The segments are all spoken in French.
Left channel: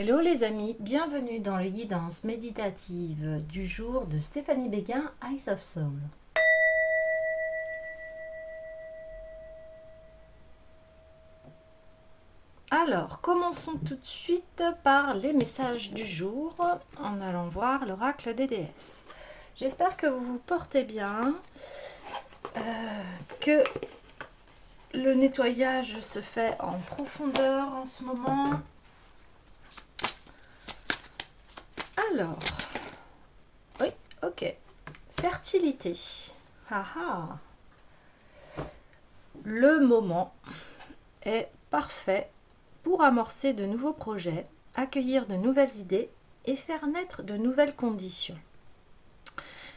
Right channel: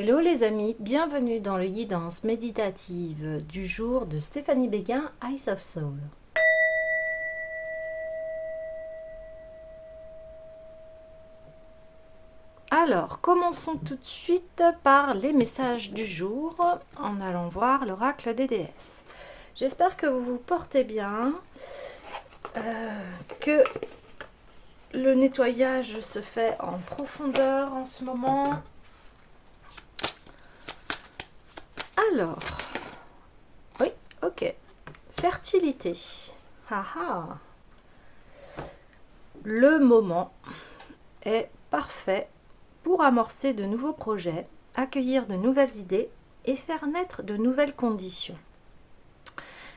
Hello les amis, bienvenue dans les guidances méditatives du jour de Stéphanie Béguin, Eyes of Soul. Alors, commençons tout de suite par les messages du jour en allant voir l'oracle des déesses. J'espère que vous vous portez bien, que le nettoyage se fait en profondeur en ce moment. Alors, oui, ok. Fertilité. Haha. Le moment est parfait pour amorcer de nouveaux projets, accueillir de nouvelles idées et faire naître de nouvelles conditions.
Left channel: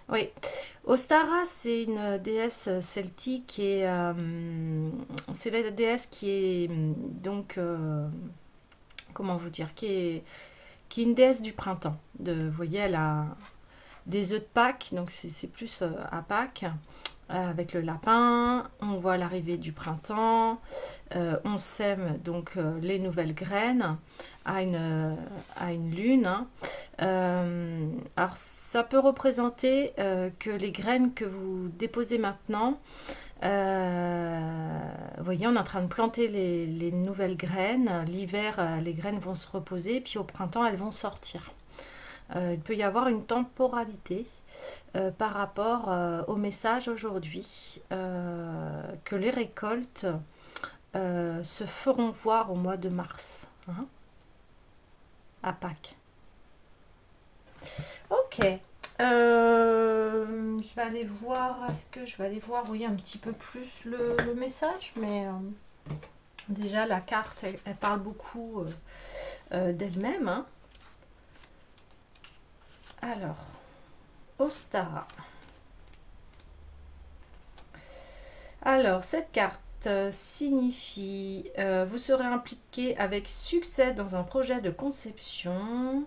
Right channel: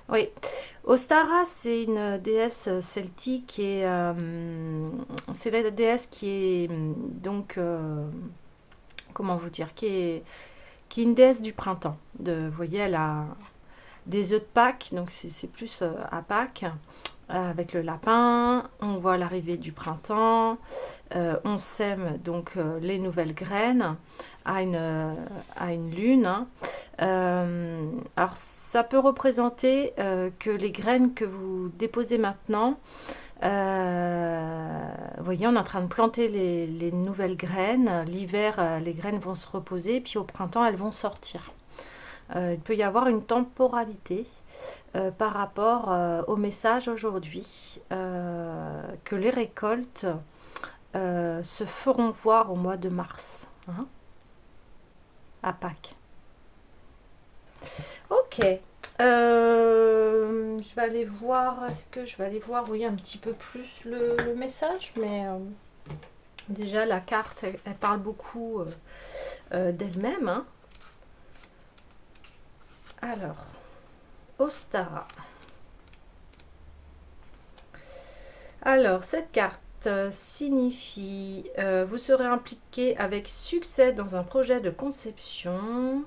Oui, Ostara, c'est une déesse celtique et c'est la déesse qui est comment vous dire, qui est une déesse du printemps. Vous voyez, elle a des œufs de Pâques, donc c'est plus à Pâques, avec le lapin. On voit l'arrivée du printemps, on sème donc les nouvelles graines à une lune, hein. Alors ça peut représenter que les graines que vous déposez maintenant, vous voyez, on est en train de planter les nouvelles graines. L'hiver, les graines vont se reposer, puis au printemps, elles vont sortir. Il peut y avoir une temporalité par rapport au message aujourd'hui, que les récoltes se feront voir au mois de mars, hein, à Pâques. Ok. Je vais aller voir, est-ce que je vais aller voir, oui, un petit peu plus le message, mais déjà la carte, elle parle beaucoup d'elle-même, hein. Alors, Ostara. Alors, cette carte signifie vous serez impliqué avec succès dans un projet de conception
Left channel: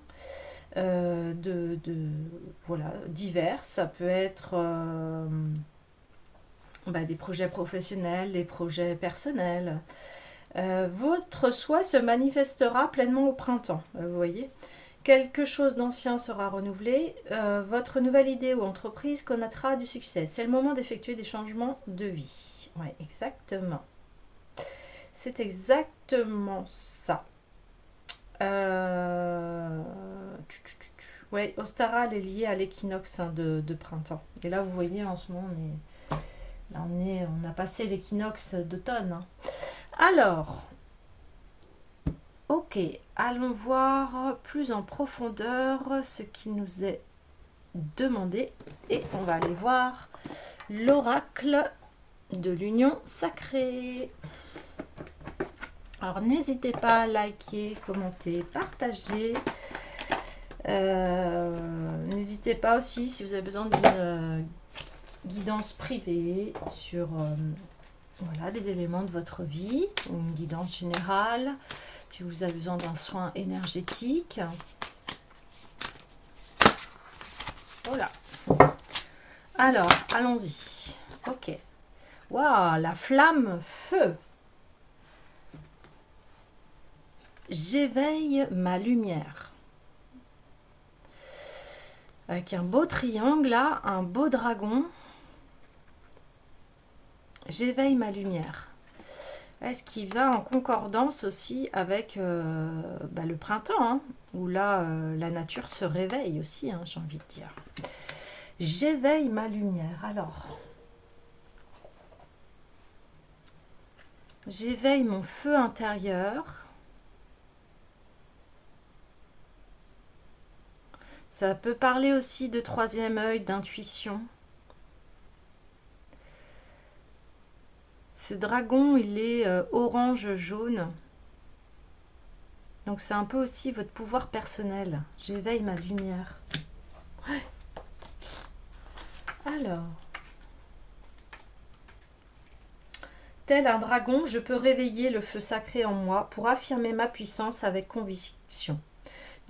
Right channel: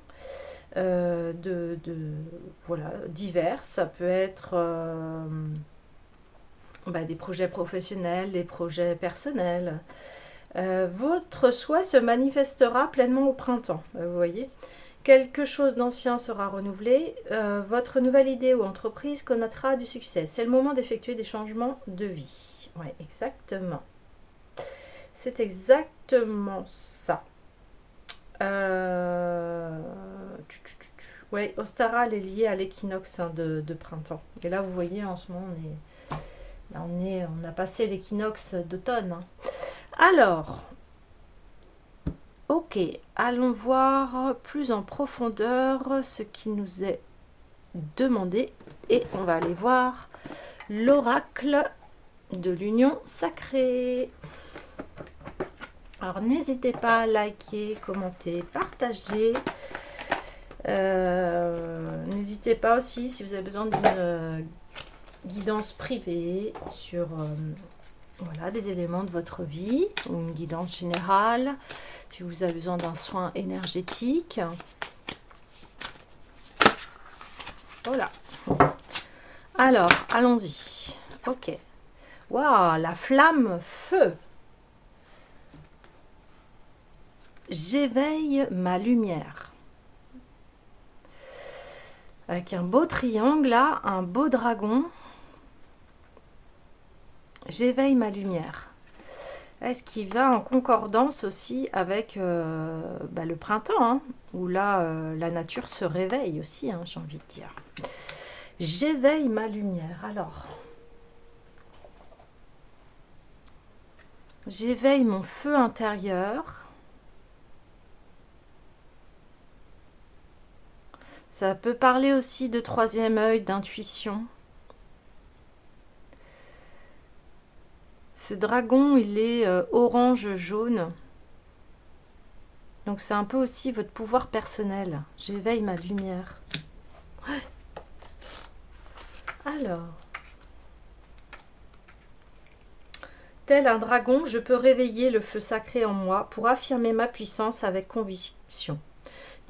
voilà, divers. Ça peut être des projets professionnels, des projets personnels. Votre souhait se manifestera pleinement au printemps, vous voyez. Quelque chose d'ancien sera renouvelé. Votre nouvelle idée ou entreprise connaîtra du succès. C'est le moment d'effectuer des changements de vie. Oui, exactement. C'est exactement ça. Ouais, Ostara, elle est liée à l'équinoxe, hein, de printemps. Et là, vous voyez, en ce moment, on a passé l'équinoxe d'automne, hein. Alors, ok, allons voir plus en profondeur ce qui nous est demandé et on va aller voir l'oracle de l'union sacrée. Alors n'hésitez pas à liker, commenter, partager. N'hésitez pas aussi si vous avez besoin d'une guidance privée sur voilà, des éléments de votre vie ou une guidance générale, si vous avez besoin d'un soin énergétique. Voilà. Alors, allons-y. Ok. Waouh, la flamme feu. J'éveille ma lumière. Avec un beau triangle là, un beau dragon. J'éveille ma lumière. Est-ce qu'il va en concordance aussi avec le printemps, hein, où là, la nature se réveille aussi, hein, j'ai envie de dire. J'éveille ma lumière. Alors, j'éveille mon feu intérieur. Ça peut parler aussi de troisième œil, d'intuition. Ce dragon, il est orange-jaune. Donc c'est un peu aussi votre pouvoir personnel. J'éveille ma lumière. Alors, tel un dragon, je peux réveiller le feu sacré en moi pour affirmer ma puissance avec conviction.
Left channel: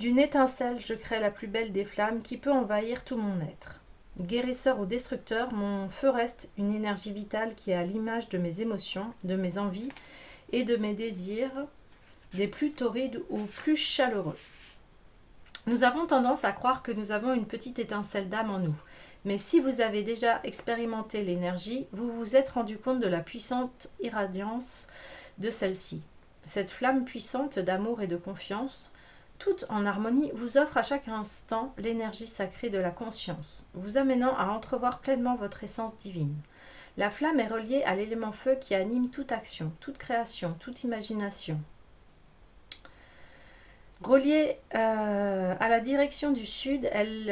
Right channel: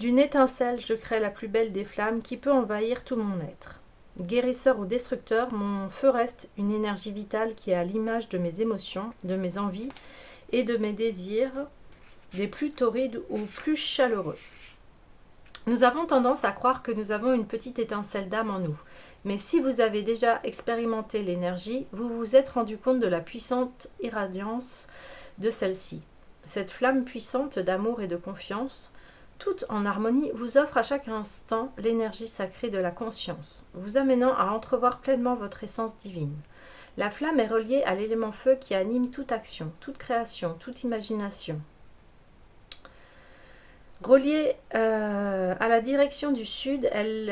D'une étincelle, je crée la plus belle des flammes qui peut envahir tout mon être. Guérisseur ou destructeur, mon feu reste une énergie vitale qui est à l'image de mes émotions, de mes envies et de mes désirs des plus torrides ou plus chaleureux. Nous avons tendance à croire que nous avons une petite étincelle d'âme en nous. Mais si vous avez déjà expérimenté l'énergie, vous vous êtes rendu compte de la puissante irradiance de celle-ci. Cette flamme puissante d'amour et de confiance, toute en harmonie, vous offre à chaque instant l'énergie sacrée de la conscience, vous amenant à entrevoir pleinement votre essence divine. La flamme est reliée à l'élément feu qui anime toute action, toute création, toute imagination. Reliée à la direction du sud, elle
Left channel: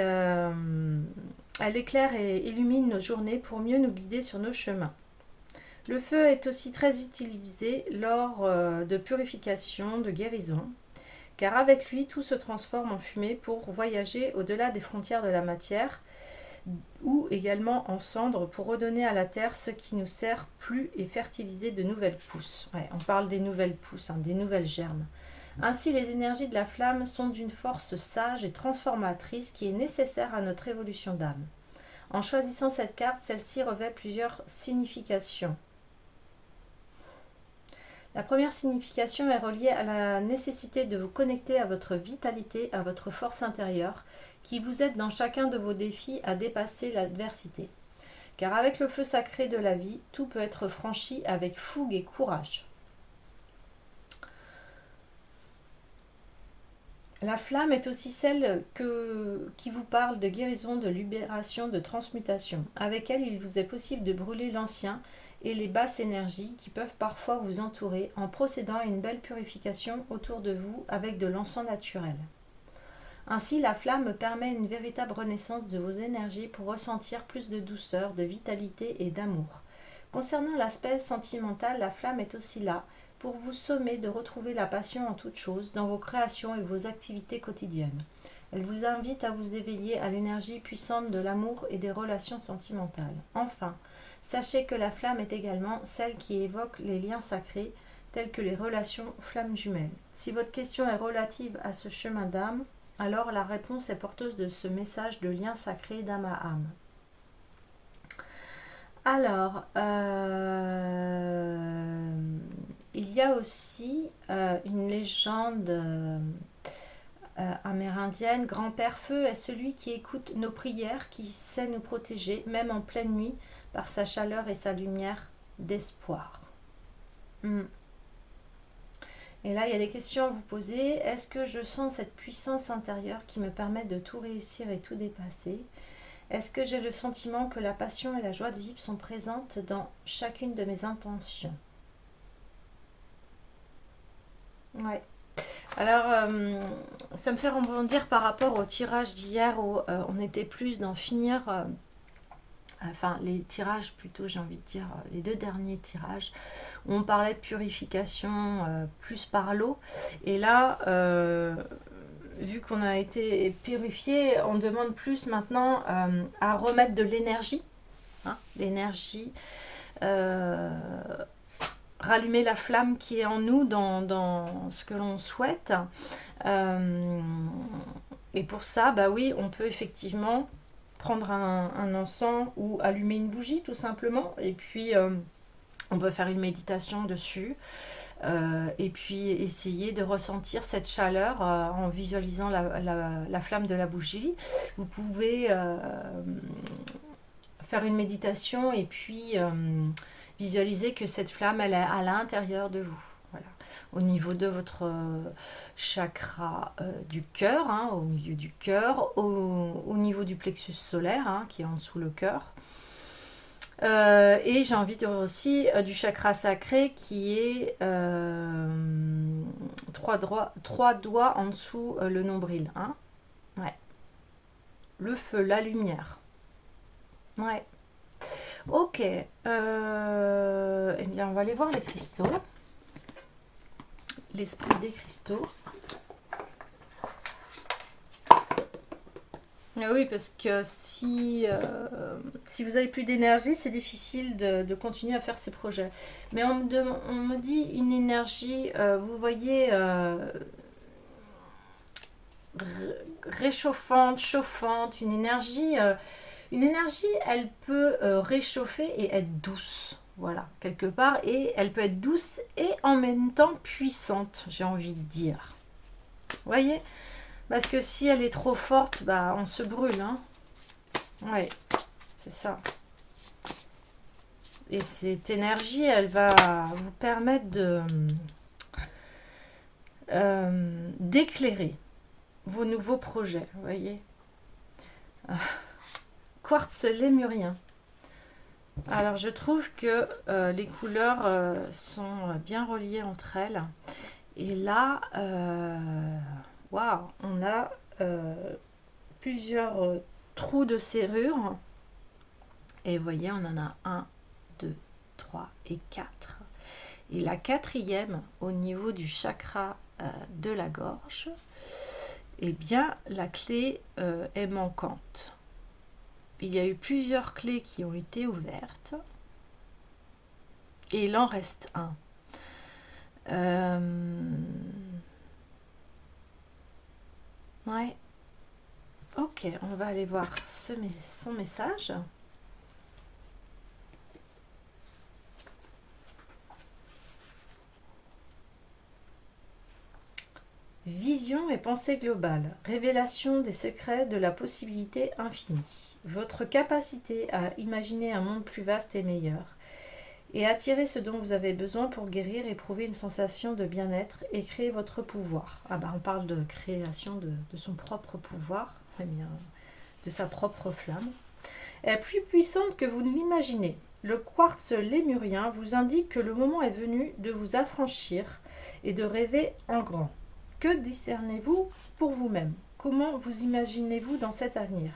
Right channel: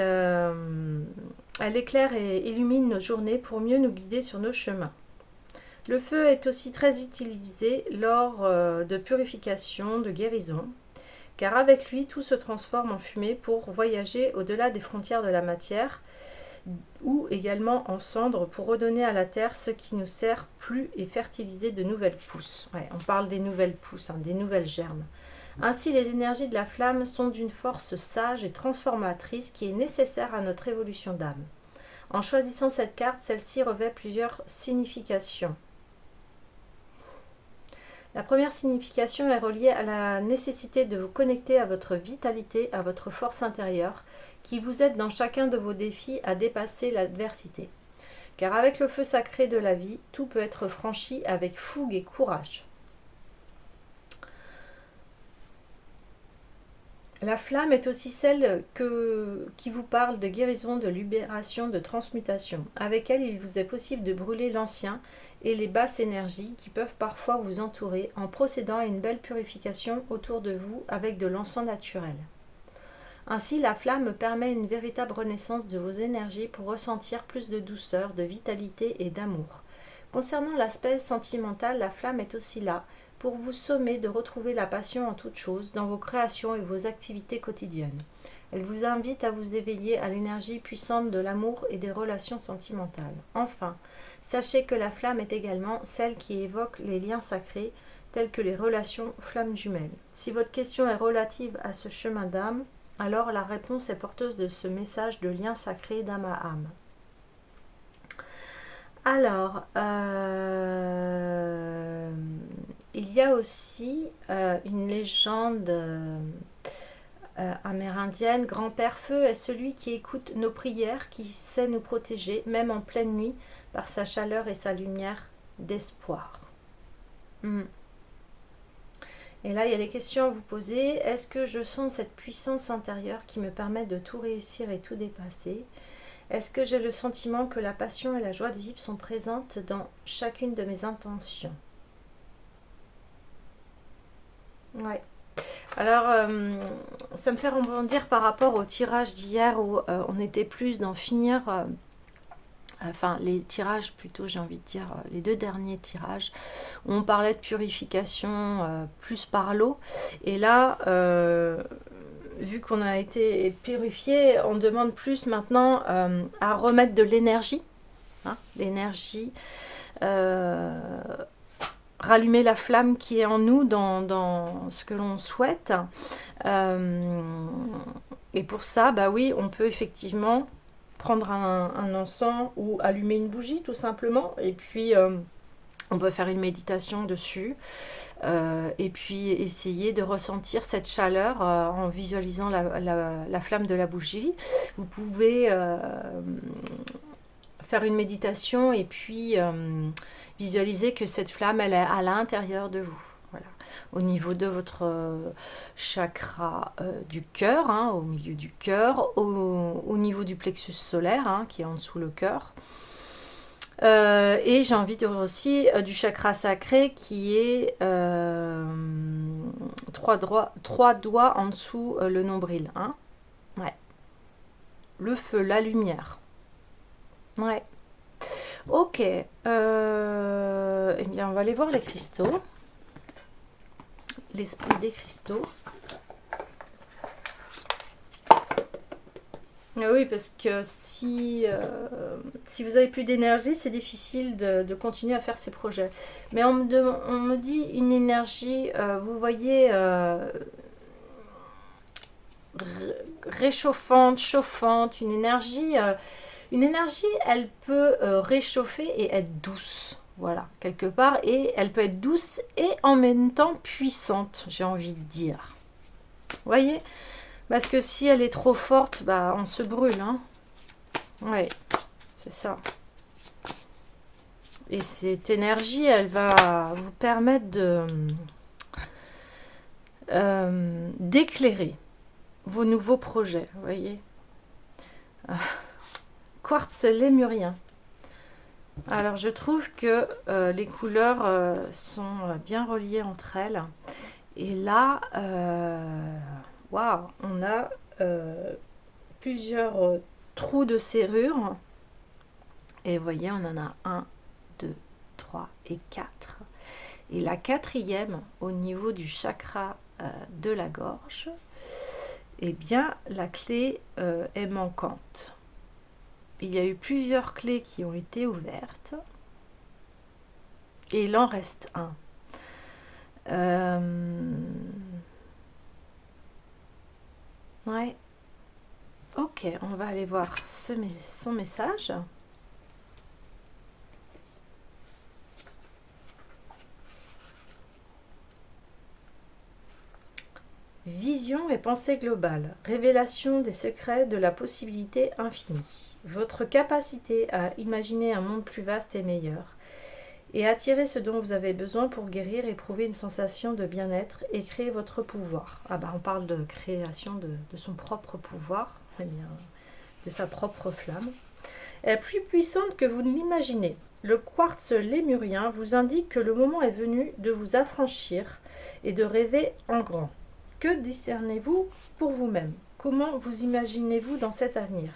éclaire et illumine nos journées pour mieux nous guider sur nos chemins. Le feu est aussi très utilisé lors de purification, de guérison, car avec lui, tout se transforme en fumée pour voyager au-delà des frontières de la matière, ou également en cendres pour redonner à la terre ce qui nous sert plus et fertiliser de nouvelles pousses. Ouais, on parle des nouvelles pousses, des nouvelles germes. Ainsi, les énergies de la flamme sont d'une force sage et transformatrice qui est nécessaire à notre évolution d'âme. En choisissant cette carte, celle-ci revêt plusieurs significations. La première signification est reliée à la nécessité de vous connecter à votre vitalité, à votre force intérieure, qui vous aide dans chacun de vos défis à dépasser l'adversité. Car avec le feu sacré de la vie, tout peut être franchi avec fougue et courage. La flamme est aussi celle qui vous parle de guérison, de libération, de transmutation. Avec elle, il vous est possible de brûler l'ancien et les basses énergies qui peuvent parfois vous entourer en procédant à une belle purification autour de vous avec de l'encens naturel. Ainsi, la flamme permet une véritable renaissance de vos énergies pour ressentir plus de douceur, de vitalité et d'amour. Concernant l'aspect sentimental, la flamme est aussi là pour vous sommer de retrouver la passion en toutes choses dans vos créations et vos activités quotidiennes. Elle vous invite à vous éveiller à l'énergie puissante de l'amour et des relations sentimentales. Enfin, sachez que la flamme est également celle qui évoque les liens sacrés tels que les relations flammes jumelles. Si votre question est relative à ce chemin d'âme, alors la réponse est porteuse de ce message de lien sacré d'âme à âme. Alors, il y a aussi une légende amérindienne. Grand-père Feu est celui qui écoute nos prières, qui sait nous protéger, même en pleine nuit, par sa chaleur et sa lumière d'espoir. Et là, il y a des questions à vous poser. Est-ce que je sens cette puissance intérieure qui me permet de tout réussir et tout dépasser ? Est-ce que j'ai le sentiment que la passion et la joie de vivre sont présentes dans chacune de mes intentions ? Ouais. Alors, ça me fait rebondir par rapport au tirage d'hier où on était plus d'en finir, enfin les tirages plutôt, j'ai envie de dire, les deux derniers tirages, où on parlait de purification plus par l'eau. Et là, vu qu'on a été purifié, on demande plus maintenant à remettre de l'énergie, l'énergie, rallumer la flamme qui est en nous dans ce que l'on souhaite. Et pour ça, bah oui, on peut effectivement prendre un encens ou allumer une bougie tout simplement. Et puis, on peut faire une méditation dessus. Et puis essayer de ressentir cette chaleur en visualisant la flamme de la bougie. Vous pouvez faire une méditation et puis visualiser que cette flamme elle est à l'intérieur de vous. Voilà. Au niveau de votre chakra du cœur, au milieu du cœur, au niveau du plexus solaire qui est en dessous le cœur. Et j'ai envie de dire aussi du chakra sacré qui est trois doigts en dessous le nombril. Ouais. Le feu, la lumière. Ouais. Ok. Eh bien, on va aller voir les cristaux. L'esprit des cristaux. Oui, parce que si vous n'avez plus d'énergie, c'est difficile de continuer à faire ces projets. Mais on me dit une énergie, vous voyez, réchauffante, chauffante, une énergie, elle peut réchauffer et être douce. voilà, quelque part. Et elle peut être douce et en même temps puissante, j'ai envie de dire. Vous voyez? Parce que si elle est trop forte, bah, on se brûle, hein. Ouais, c'est ça. Et cette énergie, elle va vous permettre de d'éclairer vos nouveaux projets, vous voyez. Quartz lémurien. Alors, je trouve que les couleurs sont bien reliées entre elles. Et là, waouh, on a plusieurs trous de serrure. Et vous voyez, on en a 1, 2, 3 et 4. Et la quatrième, au niveau du chakra de la gorge, eh bien, la clé est manquante. Il y a eu plusieurs clés qui ont été ouvertes. Et il en reste un. Ouais. Ok, on va aller voir son message. Vision et pensée globale, révélation des secrets de la possibilité infinie. Votre capacité à imaginer un monde plus vaste et meilleur, et attirer ce dont vous avez besoin pour guérir, éprouver une sensation de bien-être et créer votre pouvoir. Ah bah on parle de création de son propre pouvoir, de sa propre flamme. Est plus puissante que vous ne l'imaginez. Le quartz lémurien vous indique que le moment est venu de vous affranchir et de rêver en grand. Que discernez-vous pour vous-même? Comment vous imaginez-vous dans cet avenir?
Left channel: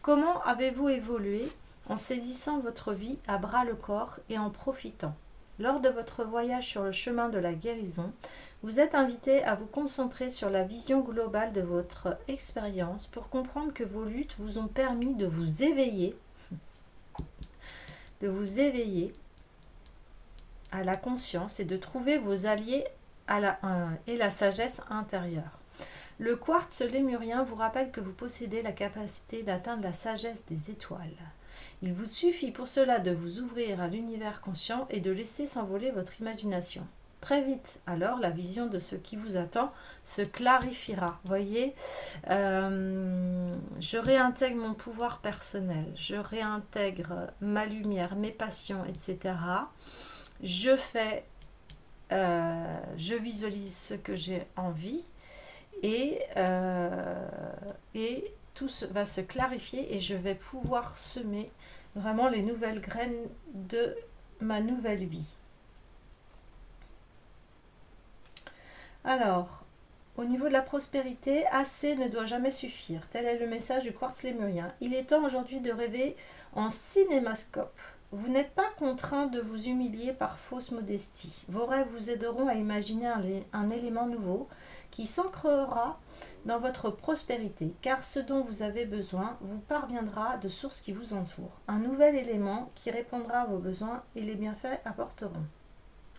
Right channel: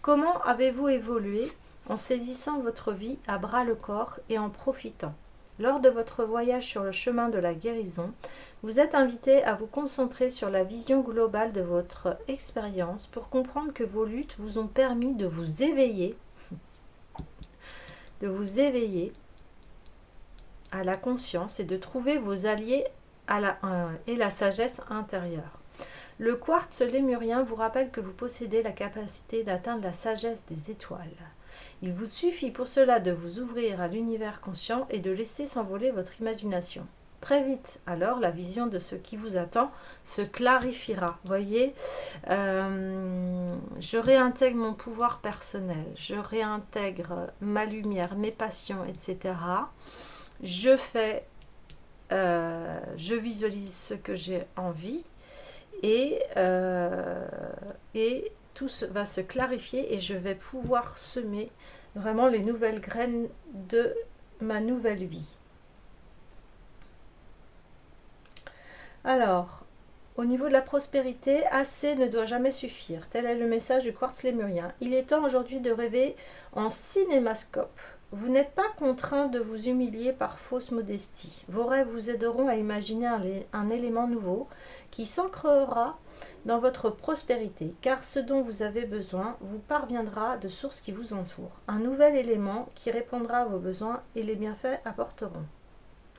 Comment avez-vous évolué en saisissant votre vie à bras le corps et en profitant? Lors de votre voyage sur le chemin de la guérison, vous êtes invité à vous concentrer sur la vision globale de votre expérience pour comprendre que vos luttes vous ont permis de vous éveiller à la conscience et de trouver vos alliés et la sagesse intérieure. Le quartz lémurien vous rappelle que vous possédez la capacité d'atteindre la sagesse des étoiles. Il vous suffit pour cela de vous ouvrir à l'univers conscient et de laisser s'envoler votre imagination. Très vite, alors, la vision de ce qui vous attend se clarifiera. Voyez, je réintègre mon pouvoir personnel, je réintègre ma lumière, mes passions, etc. Je visualise ce que j'ai envie et tout va se clarifier et je vais pouvoir semer vraiment les nouvelles graines de ma nouvelle vie. Alors, au niveau de la prospérité, assez ne doit jamais suffire. Tel est le message du quartz lémurien. Il est temps aujourd'hui de rêver en cinémascope. Vous n'êtes pas contraint de vous humilier par fausse modestie. Vos rêves vous aideront à imaginer un élément nouveau qui s'ancrera dans votre prospérité, car ce dont vous avez besoin vous parviendra de sources qui vous entourent. Un nouvel élément qui répondra à vos besoins et les bienfaits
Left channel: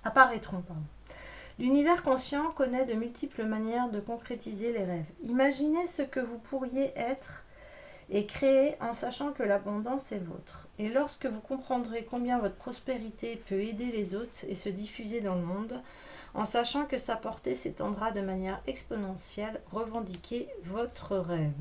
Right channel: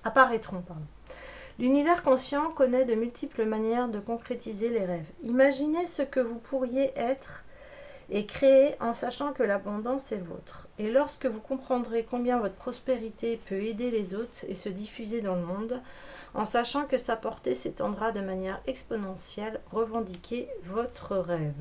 apparaîtront. L'univers conscient connaît de multiples manières de concrétiser les rêves. Imaginez ce que vous pourriez être et créer en sachant que l'abondance est vôtre. Et lorsque vous comprendrez combien votre prospérité peut aider les autres et se diffuser dans le monde, en sachant que sa portée s'étendra de manière exponentielle, revendiquez votre rêve.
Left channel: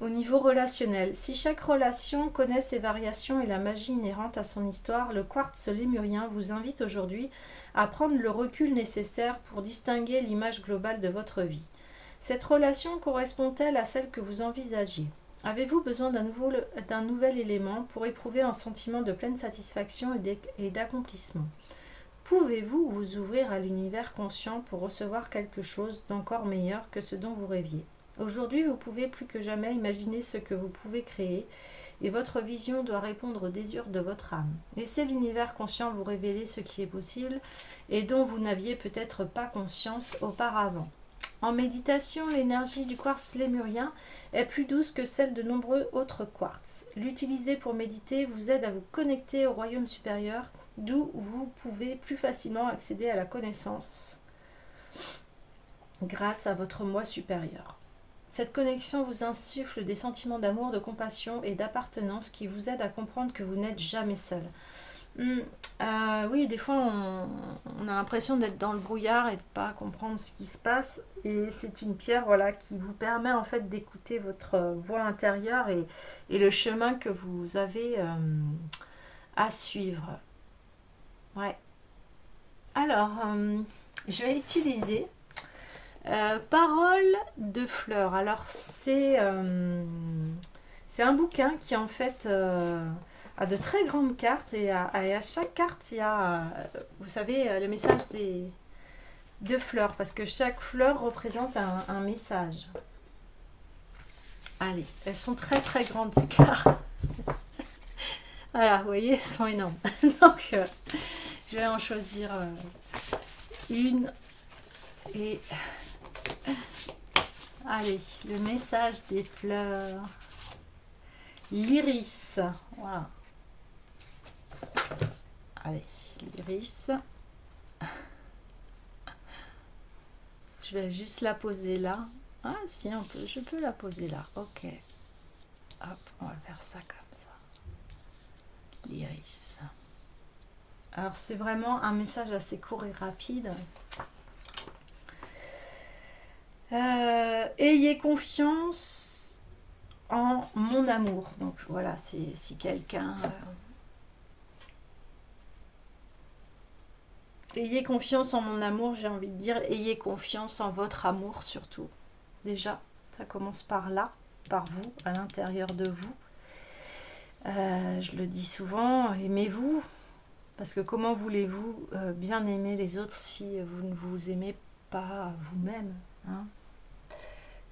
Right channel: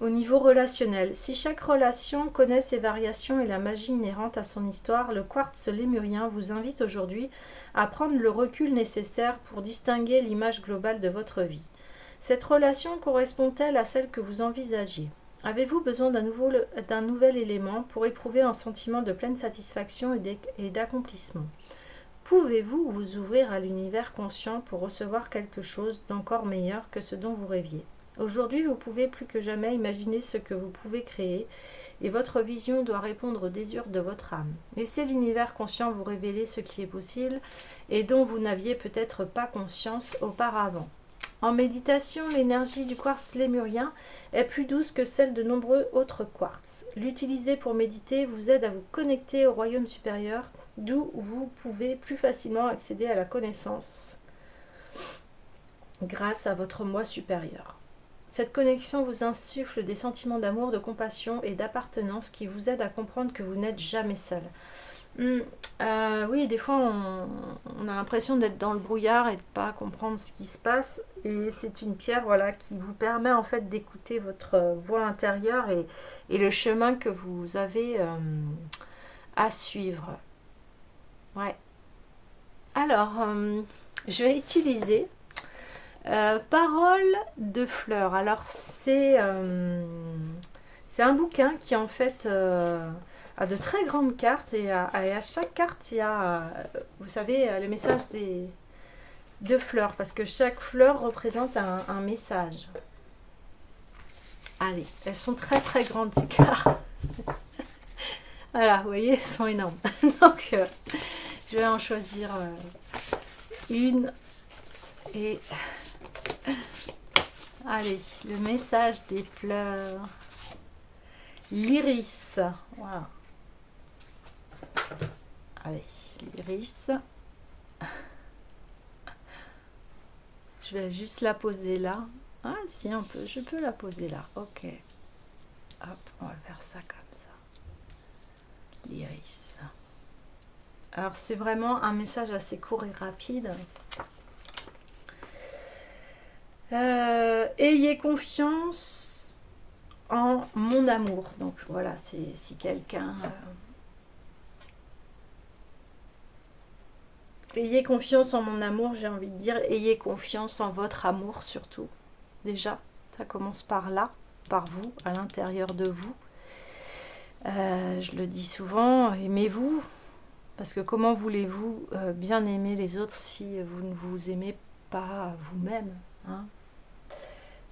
Au niveau relationnel, si chaque relation connaît ses variations et la magie inhérente à son histoire, le quartz lémurien vous invite aujourd'hui à prendre le recul nécessaire pour distinguer l'image globale de votre vie. Cette relation correspond-elle à celle que vous envisagez? Avez-vous besoin d'un nouvel élément pour éprouver un sentiment de pleine satisfaction et d'accomplissement? Pouvez-vous vous ouvrir à l'univers conscient pour recevoir quelque chose d'encore meilleur que ce dont vous rêviez? Aujourd'hui, vous pouvez plus que jamais imaginer ce que vous pouvez créer et votre vision doit répondre aux désirs de votre âme. Laissez l'univers conscient vous révéler ce qui est possible et dont vous n'aviez peut-être pas conscience auparavant. En méditation, l'énergie du quartz lémurien est plus douce que celle de nombreux autres quartz. L'utiliser pour méditer vous aide à vous connecter au royaume supérieur, d'où vous pouvez plus facilement accéder à la connaissance grâce à votre moi supérieur. Cette connexion vous insuffle des sentiments d'amour, de compassion et d'appartenance qui vous aident à comprendre que vous n'êtes jamais seul. Oui, des fois on a l'impression d'être dans le brouillard et de pas comprendre ce qui se passe. Et c'est une pierre, voilà, qui vous permet en fait d'écouter votre voix intérieure et le chemin que vous avez à suivre. Ouais. Alors, je vais utiliser Parole de fleurs. Alors, c'est un bouquin qui en fait a de très grandes cartes et à chaque carte, il y a, vous savez, le message de fleurs parce que chaque fleur représente un message. Allez, elles sont très très grandes ces cartes. Voilà, vous voyez, elles sont énormes. Donc, je vais en choisir une et allez, le message des fleurs. L'iris. Voilà. Allez, l'iris. Je vais juste la poser là. Ah si, je peux la poser là. Ok. Hop, on va faire ça comme ça. L'iris. Alors c'est vraiment un message assez court et rapide. Ayez confiance en mon amour. Donc voilà, si quelqu'un... ayez confiance en mon amour, j'ai envie de dire, ayez confiance en votre amour surtout. Déjà, ça commence par là, par vous, à l'intérieur de vous. Je le dis souvent, aimez-vous, parce que comment voulez-vous bien aimer les autres si vous ne vous aimez pas vous-même, hein?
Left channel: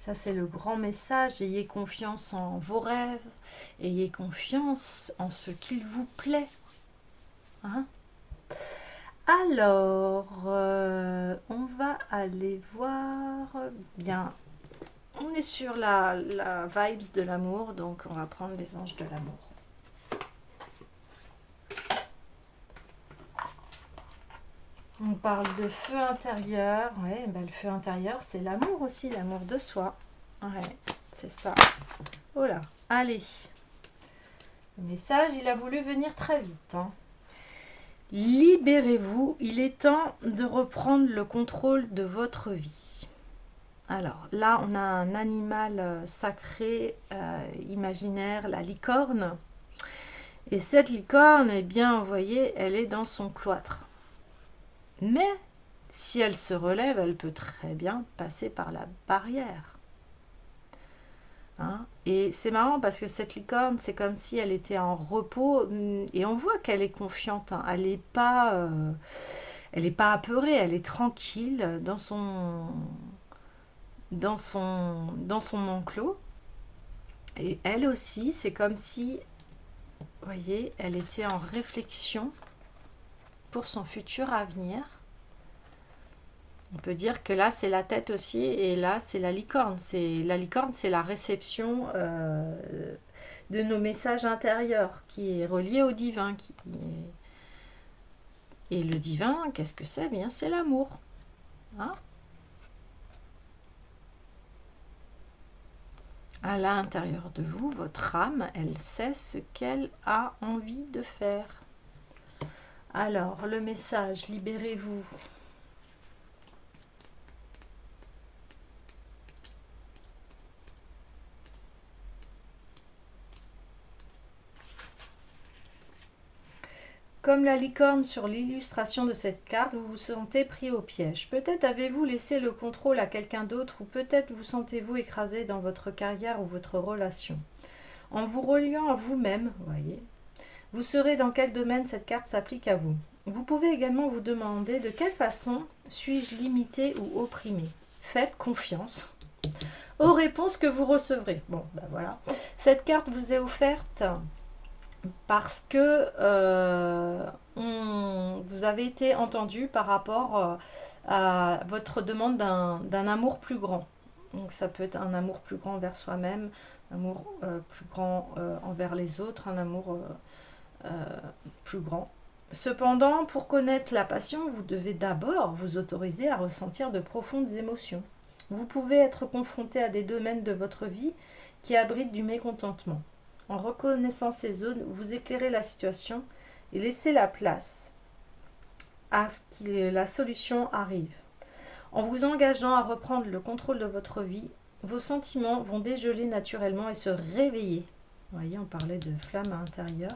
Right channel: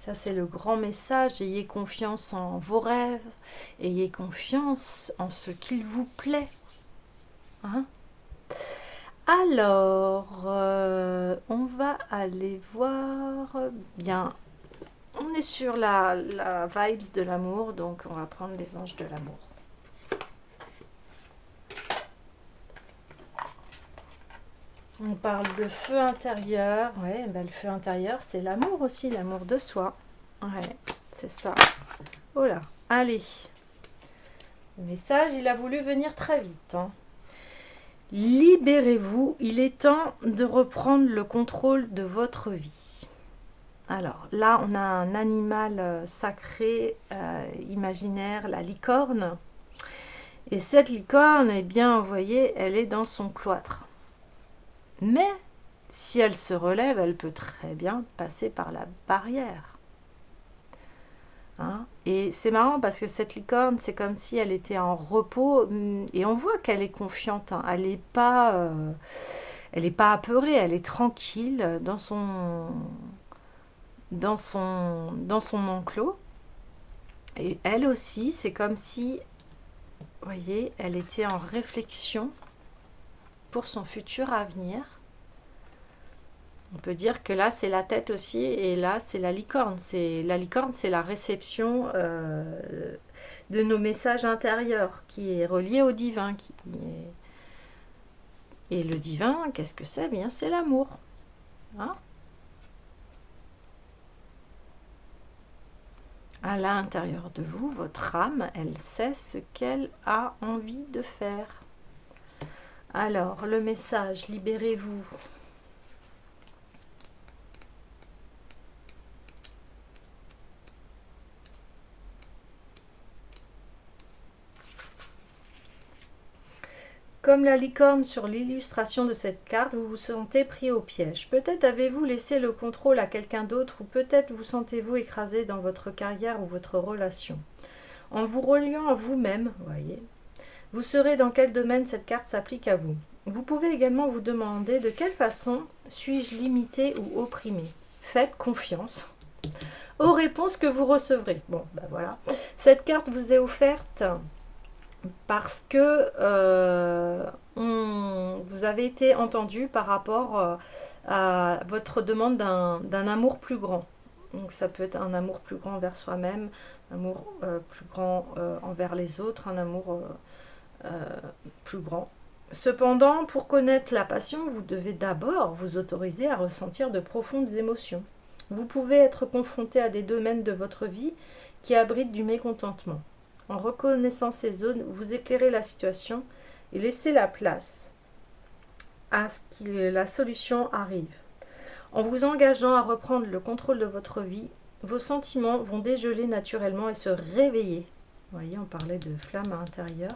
Ça, c'est le grand message. Ayez confiance en vos rêves. Ayez confiance en ce qu'il vous plaît. Hein? Alors, on va aller voir. Bien, on est sur la vibes de l'amour, donc on va prendre les anges de l'amour. On parle de feu intérieur. Ouais, ben, le feu intérieur, c'est l'amour aussi, l'amour de soi. Ouais, c'est ça. Oh là, allez. Le message, il a voulu venir très vite. Hein. Libérez-vous, il est temps de reprendre le contrôle de votre vie. Alors là, on a un animal sacré, imaginaire, la licorne. Et cette licorne, eh bien, vous voyez, elle est dans son cloître. Mais si elle se relève, elle peut très bien passer par la barrière. Hein, et c'est marrant parce que cette licorne, c'est comme si elle était en repos et on voit qu'elle est confiante. Hein, elle n'est pas apeurée, elle est tranquille dans son enclos. Et elle aussi, c'est comme si, vous voyez, elle était en réflexion pour son futur avenir. On peut dire que là, c'est la tête aussi, et là, c'est la licorne. La licorne, c'est la réception de nos messages intérieurs, qui est relié au divin. Et le divin, qu'est-ce que c'est? Bien, c'est l'amour. Hein? À l'intérieur de vous, votre âme, elle sait ce qu'elle a envie de faire. Alors, le message, libérez-vous. Comme la licorne sur l'illustration de cette carte, vous vous sentez pris au piège. Peut-être avez-vous laissé le contrôle à quelqu'un d'autre ou peut-être vous sentez-vous écrasé dans votre carrière ou votre relation. En vous reliant à vous-même, voyez, vous saurez dans quel domaine cette carte s'applique à vous. Vous pouvez également vous demander de quelle façon suis-je limité ou opprimé. Faites confiance aux réponses que vous recevrez. Bon, ben voilà. Cette carte vous est offerte parce que vous avez été entendu par rapport à votre demande d'un amour plus grand. Donc ça peut être un amour plus grand envers soi-même, un amour plus grand envers les autres, un amour plus grand. Cependant, pour connaître la passion, vous devez d'abord vous autoriser à ressentir de profondes émotions. Vous pouvez être confronté à des domaines de votre vie qui abritent du mécontentement. En reconnaissant ces zones, vous éclairez la situation et laissez la place à ce que la solution arrive. En vous engageant à reprendre le contrôle de votre vie, vos sentiments vont dégeler naturellement et se réveiller. Vous voyez, on parlait de flamme à l'intérieur.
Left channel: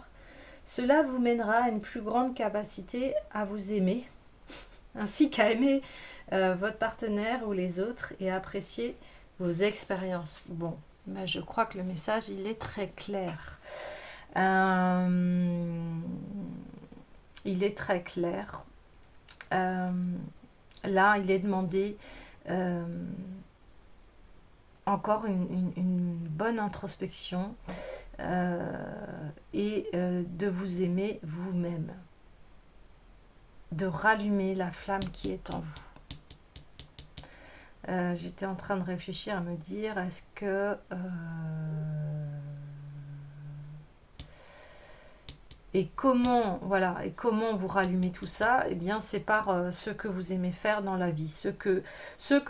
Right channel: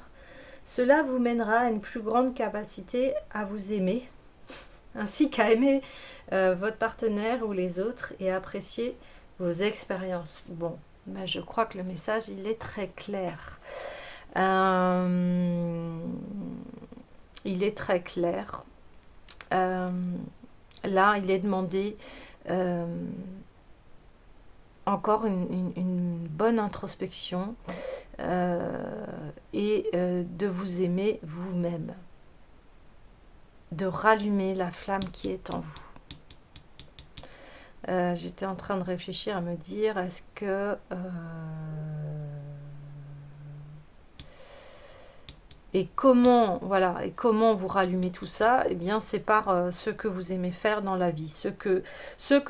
Cela vous mènera à une plus grande capacité à vous aimer, ainsi qu'à aimer votre partenaire ou les autres et à apprécier vos expériences. Bon, ben je crois que le message, il est très clair. Il est très clair. Là, il est demandé encore une bonne introspection et de vous aimer vous-même, de rallumer la flamme qui est en vous. J'étais en train de réfléchir à me dire, est-ce que... et comment, voilà, et comment vous rallumez tout ça? Eh bien, c'est par ce que vous aimez faire dans la vie, ce que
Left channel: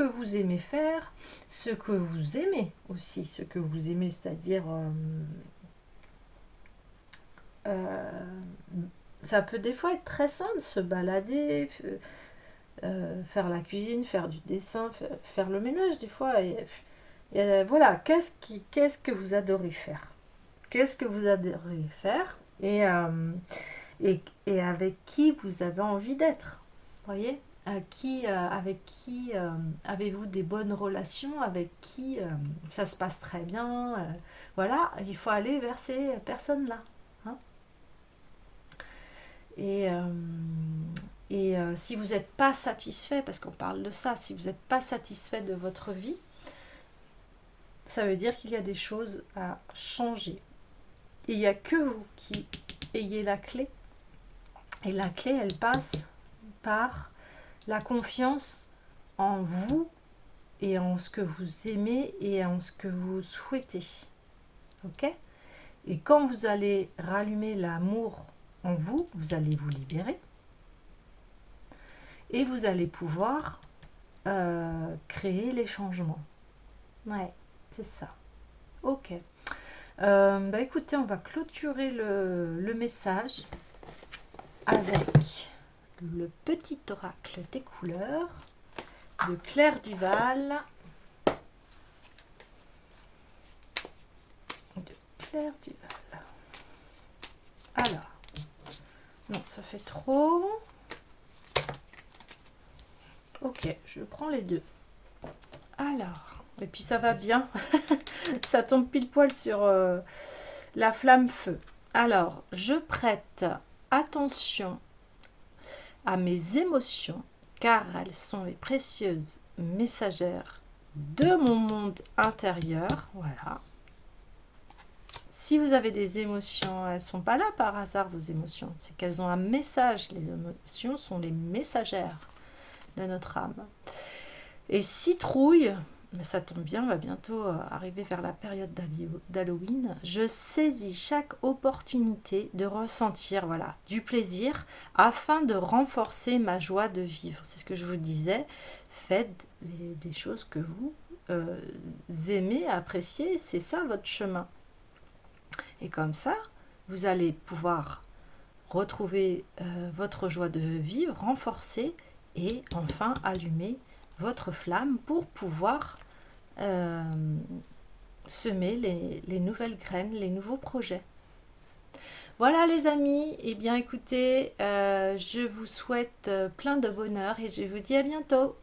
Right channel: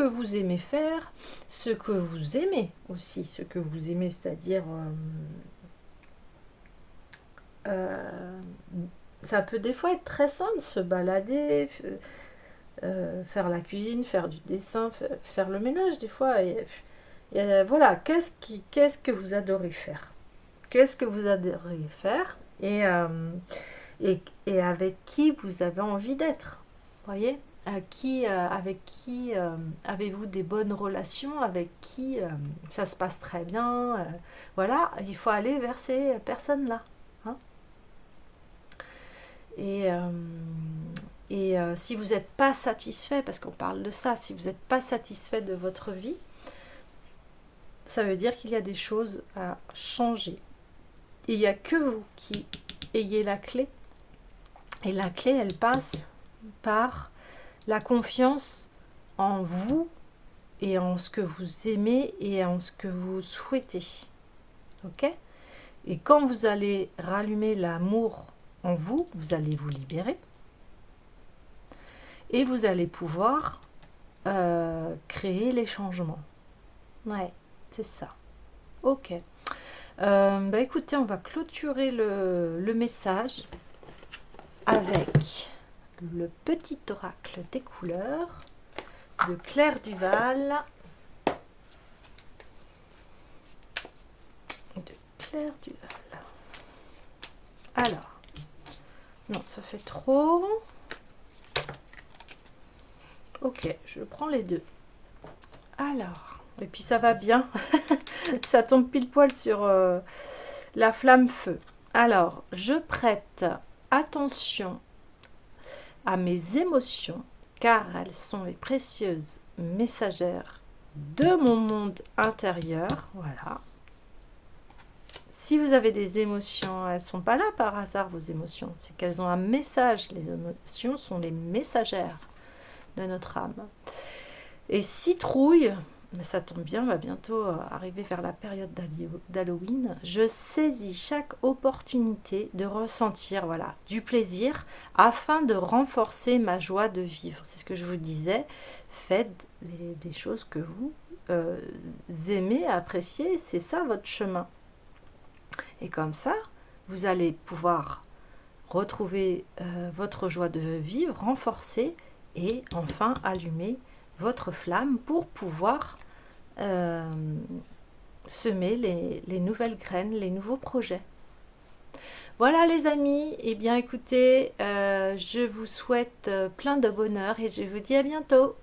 vous aimez faire, ce que vous aimez aussi, ce que vous aimez, c'est-à-dire... ça peut des fois être très simple, se balader, faire la cuisine, faire du dessin, faire le ménage des fois. Et voilà, qu'est-ce que vous adorez faire? Qu'est-ce que vous adorez faire? Et avec qui vous avez envie d'être? Voyez? Avec qui avez-vous des bonnes relations? Avec qui ça se passe très bien? Voilà, il faut aller vers ces personnes-là. Hein. Et si vous n'êtes pas satisfait, parce qu'on parle de ça, si vous n'êtes pas satisfait de votre vie, ça veut dire qu'il y a des choses à changer. Et il n'y a que vous qui ayez la clé. Et la clé, elle passe par la confiance en vous et en ce que vous aimez et en ce que vous souhaitez. Ok? Et quand vous allez rallumer l'amour en vous, vous allez vous libérer. Et vous allez pouvoir créer les changements. Ouais, c'est ça. Ok. Bah écoutez, on va clôturer le message avec le petit oracle des couleurs de Claire Duval. Alors, non, ça fait trop. Ok, je prends les deux. Alors, et puis ça va bien. Ça tombe pile poil sur la flamme feu. Alors, je prête attention à mes émotions, car elles sont les précieuses messagères de mon monde intérieur. Voilà. Si vous avez des émotions, elles ne sont pas là par hasard, vos émotions. C'est qu'elles ont un message. Les émotions sont les messagères de notre âme. Et citrouille, mais ça tombe bien, on va bientôt arriver vers la période d'Halloween. Je saisis chaque opportunité de ressentir du plaisir afin de renforcer ma joie de vivre. C'est ce que je vous disais. Faites des choses que vous aimez, appréciez. C'est ça votre chemin. Et comme ça, vous allez pouvoir retrouver votre joie de vivre, renforcer et enfin allumer votre flamme pour pouvoir semer les nouvelles graines, les nouveaux projets. Voilà les amis, et bien écoutez, je vous souhaite plein de bonheur et je vous dis à bientôt.